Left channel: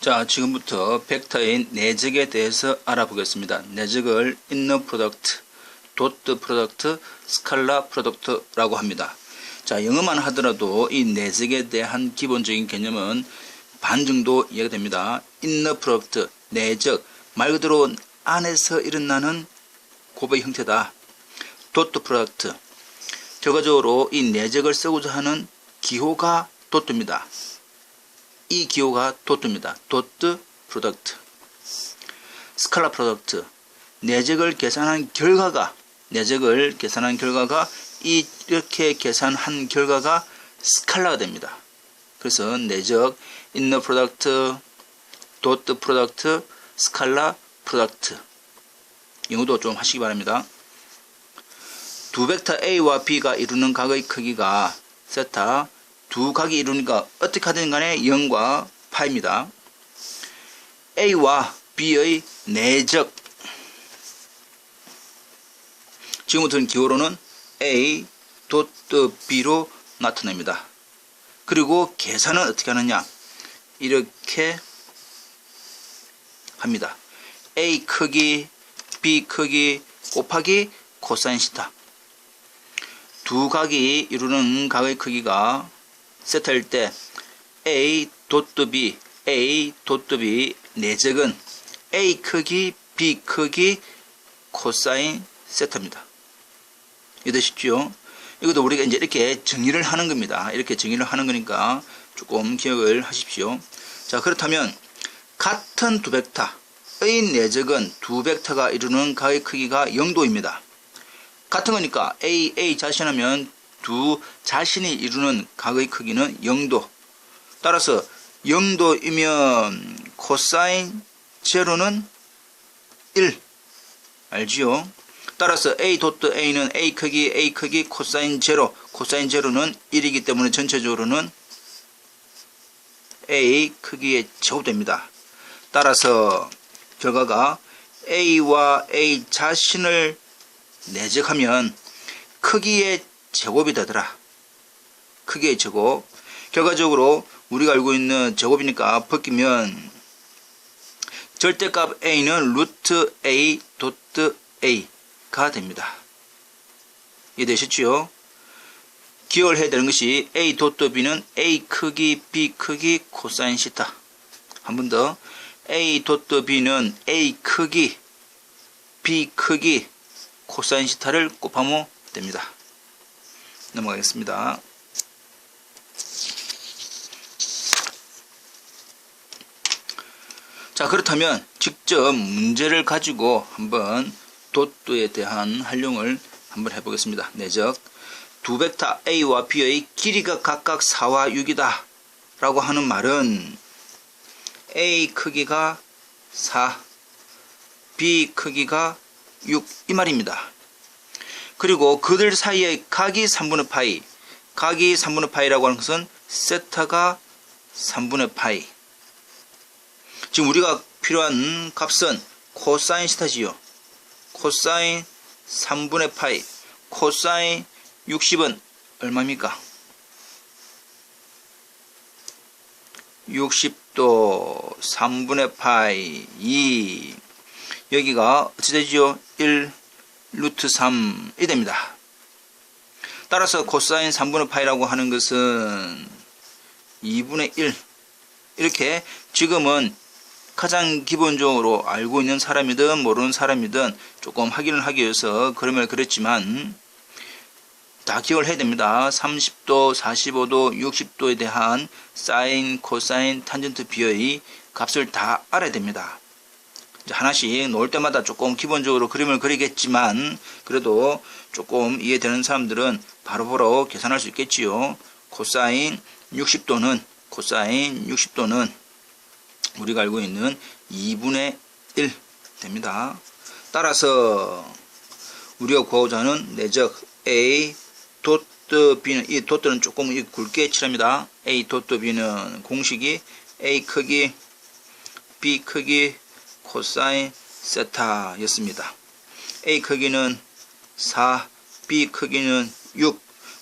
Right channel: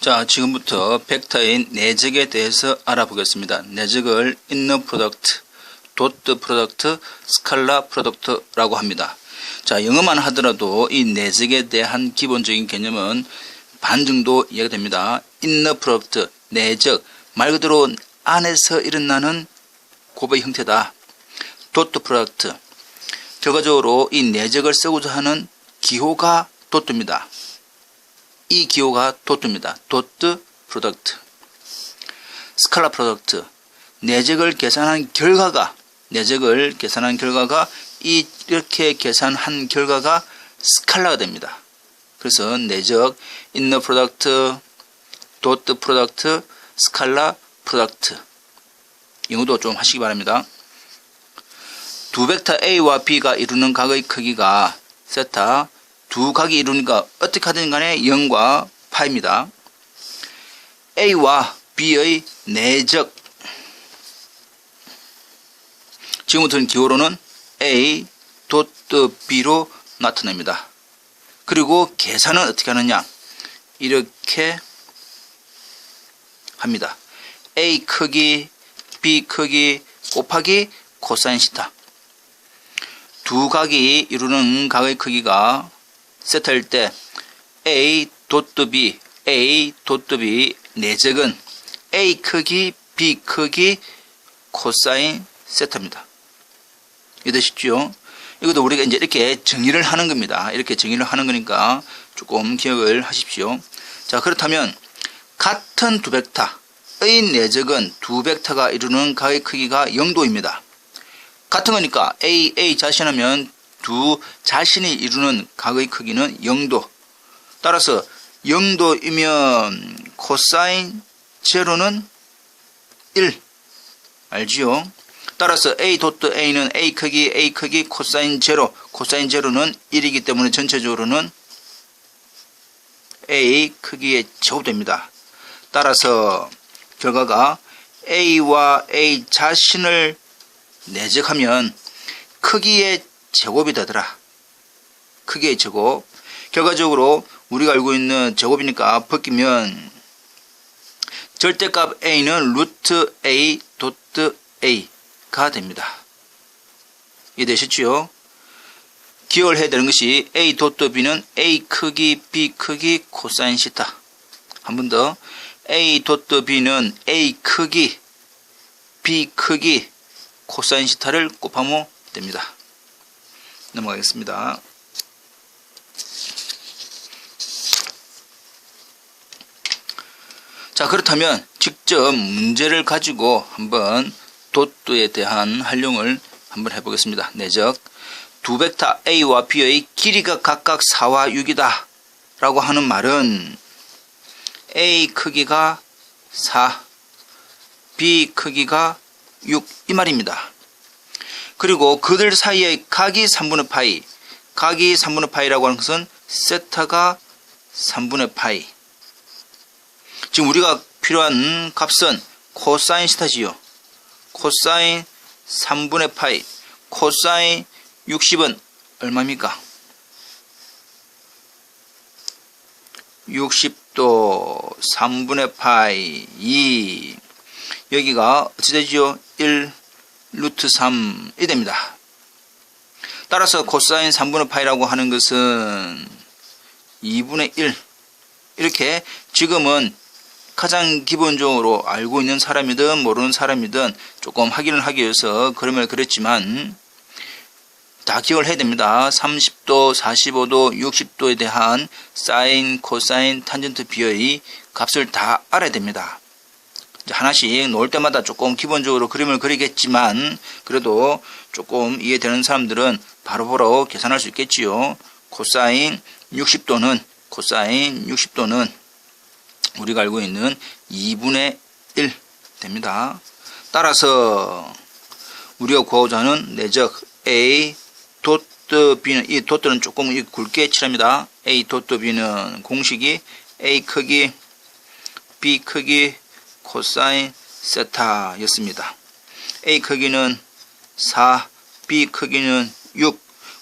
자, 지금부터 벡터인 내적에 대해서 알아보겠습니다. 내적을 inner product, dot product, scalar product라고 합니다. 자, 영어만 하더라도 이 내적에 대한 기본적인 개념은 반 정도 이해가 됩니다. inner product, 내적, 말 그대로 안에서 일어나는 곱의 형태다. dot product, 결과적으로 이 내적을 쓰고자 하는 기호가 dot입니다. 이 기호가 dot입니다. dot product. 스칼라 프로덕트, 내적을 계산한 결과가 이렇게 계산한 결과가 스칼라가 됩니다. 그래서 내적, inner product, dot product, 스칼라 프로덕트. 영어도 좀 하시기 바랍니다. 두 벡터 A와 B가 이루는 각의 크기가 세타, 두 각이 이루니까 어떻게 하든 간에 0과 파입니다. A와 B의 내적, 지금부터는 기호로는 A, B로 나타냅니다. 그리고 계산은 어떻게 하느냐, 이렇게 합니다. A 크기, B 크기 곱하기 코사인 시타. 두 각이 이루는 각의 크기가 세타일 때 A, B, A, B 내적은 A 크기, B 크기 코사인 세타입니다. 이해되시죠? 이것도 우리가 이제 이렇게 정의를 하는 겁니다. 이렇게 정의를 하는 거니까 조금 기억을 하십시오. 자, 그렇다면 같은 두 벡터의 내적은 두 벡터가 이루는 각의 크기가 0도입니다. 같은 거니까 A 자신하면 두 자신이 이루는 각의 크기는 0도. 따라서 0도이면 코사인 제로는 1. 알지요? 따라서 A.A는 A 크기 코사인 제로는 1이기 때문에 전체적으로는 A 크기의 제곱됩니다. 따라서 결과가 A와 A 자신을 내적하면 크기의 제곱이 되더라. 크기의 제곱. 결과적으로 우리가 알고 있는 제곱이니까 벗기면 절대값 A는 루트 A 도트 A가 됩니다. 이해되셨죠? 기억을 해야 되는 것이 A 도트 B는 A 크기 B 크기 코사인 시타. 한 번 더. A 도트 B는 A 크기 B 크기 코사인 시타를 곱하면 됩니다. 넘어가겠습니다. 자, 그렇다면 직접 문제를 가지고 한번 도트에 대한 활용을 한번 해보겠습니다. 내적, 두 벡터 A와 B의 길이가 각각 4와 6이다 라고 하는 말은 A 크기가 4, B 크기가 6 이 말입니다. 그리고 그들 사이의 각이 3분의 파이, 각이 3분의 파이라고 하는 것은 세타가 3분의 파이. 지금 우리가 필요한 값은 코사인 시타지요. 코사인 3분의 파이, 코사인 60은 얼마입니까? 60도 3분의 파이 2. 여기가 어찌 되지요? 1 루트 3이 됩니다. 따라서 코사인 3분의 파이라고 하는 것은 2분의 1. 이렇게 지금은 가장 기본적으로 알고 있는 사람이든 모르는 사람이든 조금 확인을 하기 위해서 그림을 그렸지만 다 기억을 해야 됩니다. 30도, 45도, 60도에 대한 사인, 코사인, 탄젠트 비의 값을 다 알아야 됩니다. 하나씩 놓을 때마다 조금 기본적으로 그림을 그리겠지만 그래도 조금 이해되는 사람들은 바로바로 계산할 수 있겠지요. 코사인 60도는 우리가 알고 있는 2분의 1 됩니다. 따라서 우리가 구하고자 하는 내적 A 도트 B는, 이 도트는 조금 굵게 칠합니다. A 도트 B는 공식이 A 크기 B 크기 코사인 세타였습니다. A 크기는 4, B 크기는 6,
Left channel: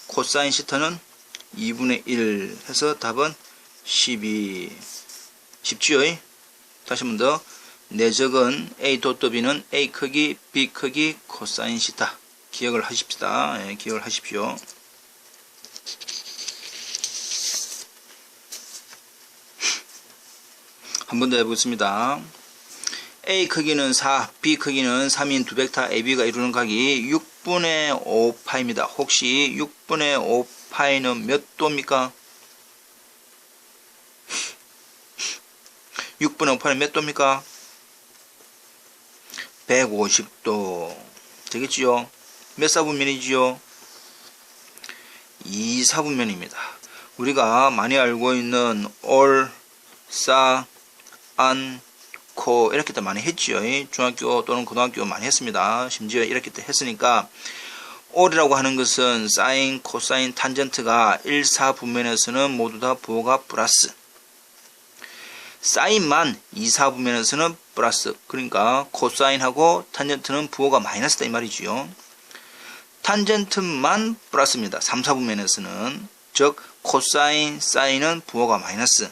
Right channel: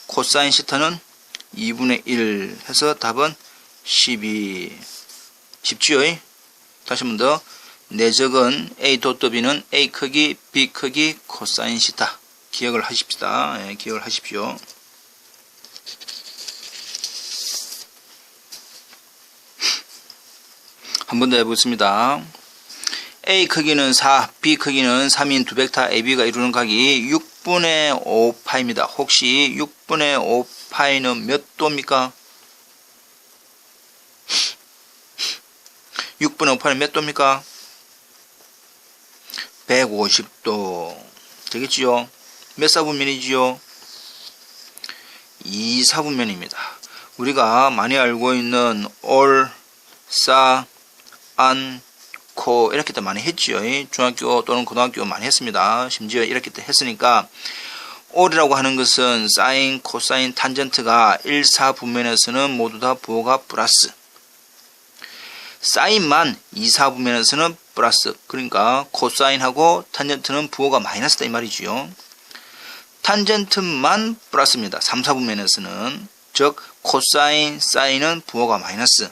코사인 시타는 2분의 1 해서 답은 12. 쉽지요? 다시 한 번 더. 내적은 A 도트 B는 A 크기, B 크기, 코사인 시타. 기억을 하십시다. 예, 기억을 하십시오. 한 번 더 해보겠습니다. A 크기는 4, B 크기는 3인 두 벡터 AB가 이루는 각이 6분의 5파입니다. 혹시 6분의 5파이는 몇 도입니까? 6분의 5파이는 몇 도입니까? 150도. 되겠지요? 몇 사분면이지요? 2사분면입니다. 우리가 많이 알고 있는 올, 싸, 안, 코 이렇게 때 많이 했지요. 중학교 또는 고등학교 많이 했습니다. 심지어 이렇게 때 했으니까 올이라고 하는 것은 사인, 코사인, 탄젠트가 1사분면에서는 모두 다 부호가 플러스. 사인만 2사분면에서는 플러스. 그러니까 코사인하고 탄젠트는 부호가 마이너스다 이 말이지요. 탄젠트만 플러스입니다. 3사분면에서는. 즉 코사인, 사인은 부호가 마이너스.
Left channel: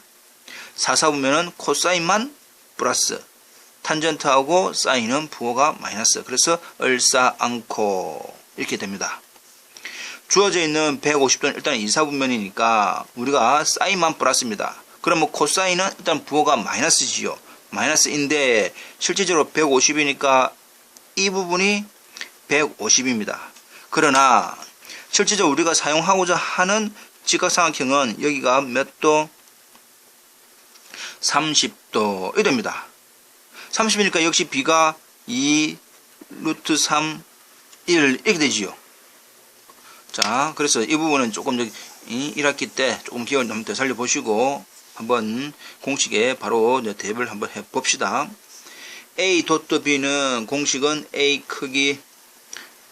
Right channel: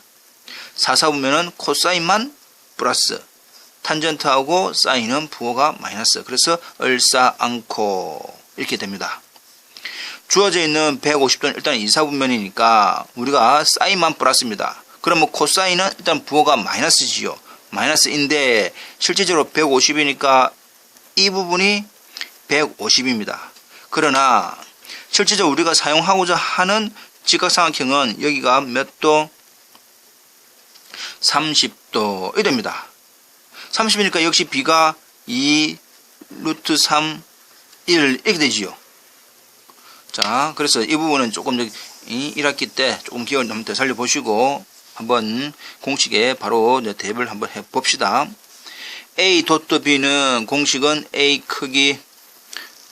4사분면은 코사인만 플러스. 탄젠트하고 사인은 부호가 마이너스. 그래서 을사안코 이렇게 됩니다. 주어져 있는 150도는 일단 2사분면이니까 우리가 사인만 플러스입니다. 그러면 코사인은 일단 부호가 마이너스지요. 마이너스인데 실제적으로 150이니까 이 부분이 150입니다. 그러나 실제적으로 우리가 사용하고자 하는 직각삼각형은 여기가 몇 도? 30도 이됩니다. 30이니까 역시 B가 2 루트 3 1 이렇게 되지요. 자, 그래서 이 부분은 조금 1학기 때 조금 기억을 한번 되살려 보시고 한번 공식에 바로 대입을 한번 해 봅시다. A 도트 B는 공식은 A 크기,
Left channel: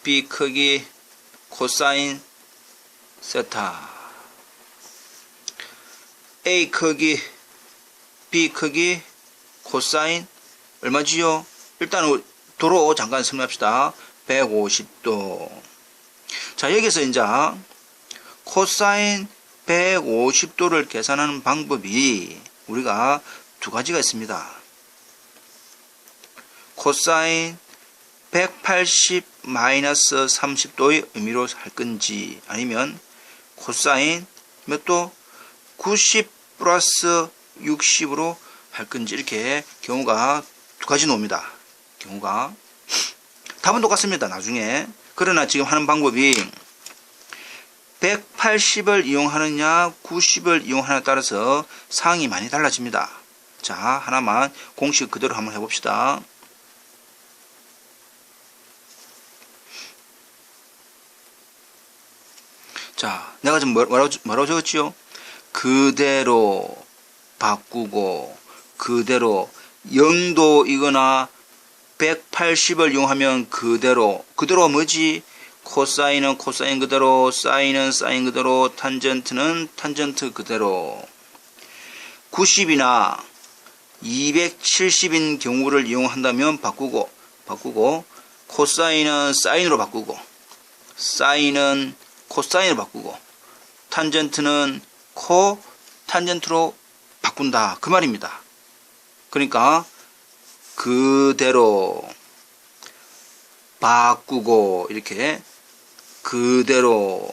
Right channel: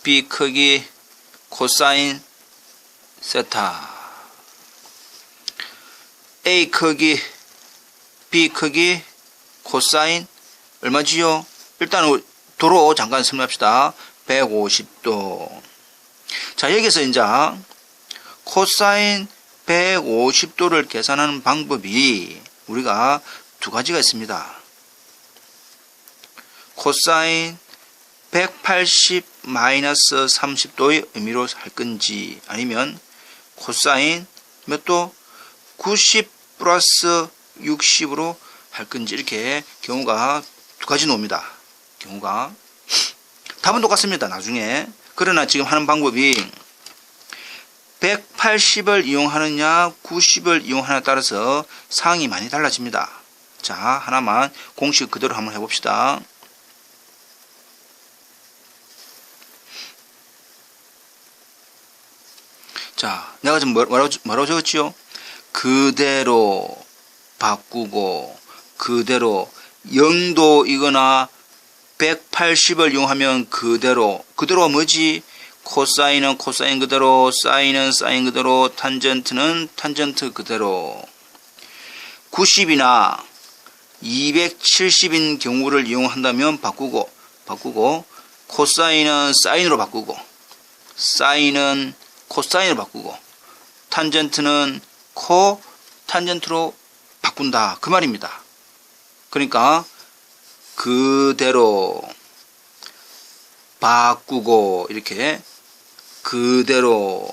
B 크기, 코사인 세타. A 크기, B 크기, 코사인 얼마지요? 일단 도로 잠깐 설명합시다. 150도. 자, 여기서 이제 코사인 150도를 계산하는 방법이 우리가 두 가지가 있습니다. 코사인 180 마이너스 30도의 의미로 할 건지 아니면 코사인 몇 도? 90 플러스 60으로 할 건지 이렇게 경우가 두 가지 나옵니다. 경우가 답은 똑같습니다. 나중에. 그러나 지금 하는 방법이 180을 이용하느냐 90을 이용하느냐에 따라서 상황이 많이 달라집니다. 자, 하나만 공식 그대로 한번 해봅시다. 자, 내가 지금 뭐라고 적었지요? 그대로 바꾸고 그대로 0도이거나 180을 이용하면 그대로가 뭐지? 코사인은 코사인 그대로, 사인은 사인 그대로, 탄젠트는 탄젠트 그대로. 90이나 270인 경우를 이용한다면 바꾸고 코사인은 사인으로 바꾸고 사인은 코사인으로 바꾸고 탄젠트는 탄젠트로 바꾼다 그 말입니다. 그러니까 그대로 바꾸고 이렇게 그대로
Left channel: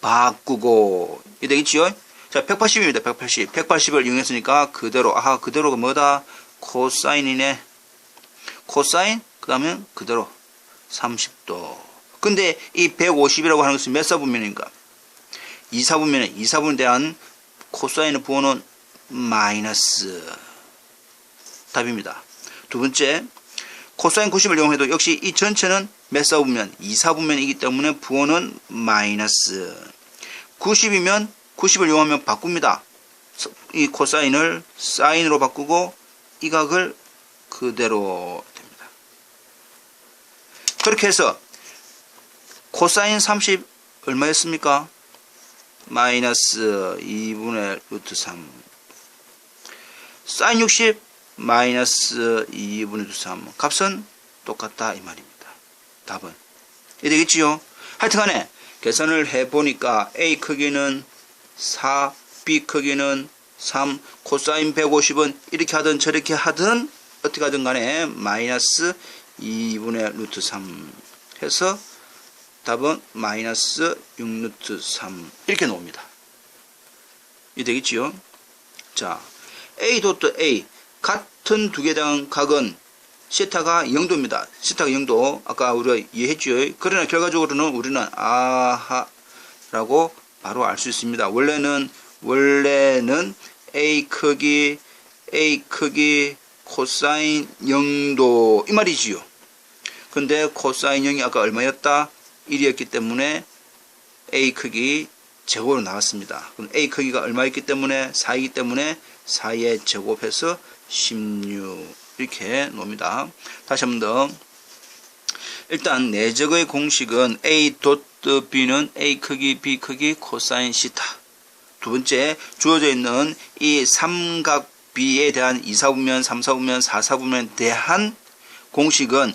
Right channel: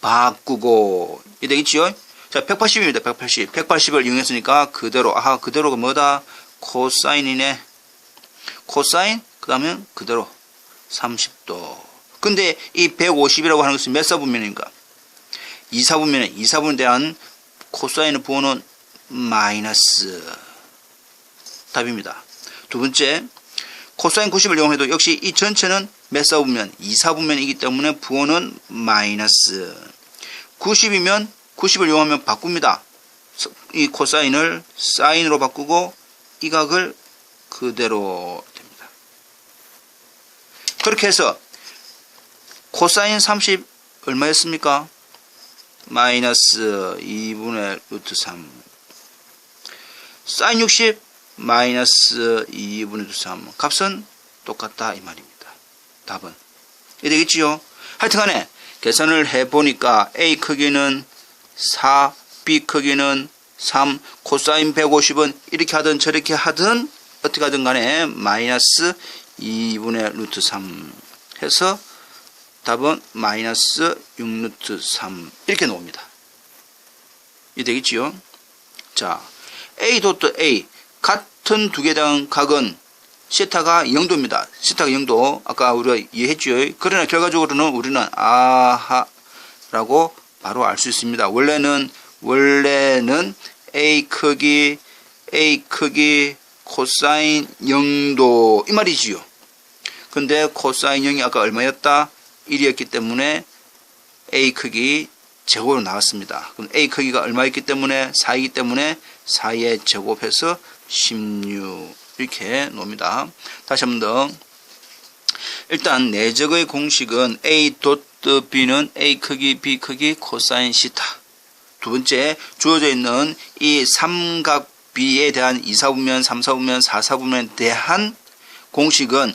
바꾸고 이게 되겠지요? 자, 180입니다. 180을 이용했으니까 그대로. 그대로가 뭐다? 코사인이네. 코사인 그 다음에 그대로 30도. 근데 이 150이라고 하는 것은 몇 사분면인가? 2사분면에 2사분에 대한 코사인의 부호는 마이너스. 답입니다. 두 번째, 코사인 90을 이용해도 역시 이 전체는 몇 사분면? 2사분면이기 때문에 부호는 마이너스. 90이면 90을 이용하면 바꿉니다. 이 코사인을 사인으로 바꾸고 이 각을 그대로 됩니다. 그렇게 해서 코사인 30 얼마였습니까? 마이너스 2분의 루트 3. 사인 60 마이너스 2분의 루트 3. 값은 똑같다 이 말입니다. 답은 이게 되겠지요? 하여튼간에 계산을 해보니까 A 크기는 4, B 크기는 3 코사인 150은 이렇게 하든 저렇게 하든 어떻게 하든 간에 마이너스 2분의 루트 3 해서 답은 마이너스 6루트 3 이렇게 나옵니다. 이 되겠지요? 자, A 도트 A 같은 두 개당 각은 시타가 0도입니다. 시타가 0도 아까 우리가 이해했죠. 그러나 결과적으로는 우리는 아하라고 바로 알 수 있습니다. 원래는 A 크기 코사인 0도 이 말이지요. 근데 코사인 0이 아까 얼마였다? 1이었기 때문에 A 크기 제곱으로 나왔습니다. 그럼 A 크기가 얼마였기 때문에 4이기 때문에 4의 제곱해서 16 이렇게 놓습니다. 다시 한 번 더. 일단 내적의 공식은 A 도트 B는 A 크기 B 크기 코사인 시타. 두 번째 주어져 있는 이 삼각 B에 대한 2사분면, 3사분면, 4사분면에 대한 공식은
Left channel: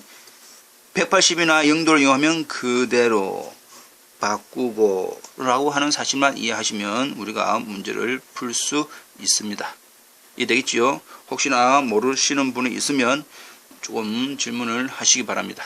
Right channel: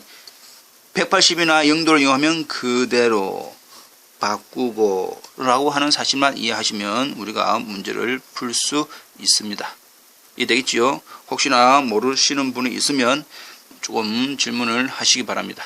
180이나 0도를 이용하면 그대로 바꾸고 라고 하는 사실만 이해하시면 우리가 문제를 풀 수 있습니다. 이해되겠지요? 혹시나 모르시는 분이 있으면 조금 질문을 하시기 바랍니다.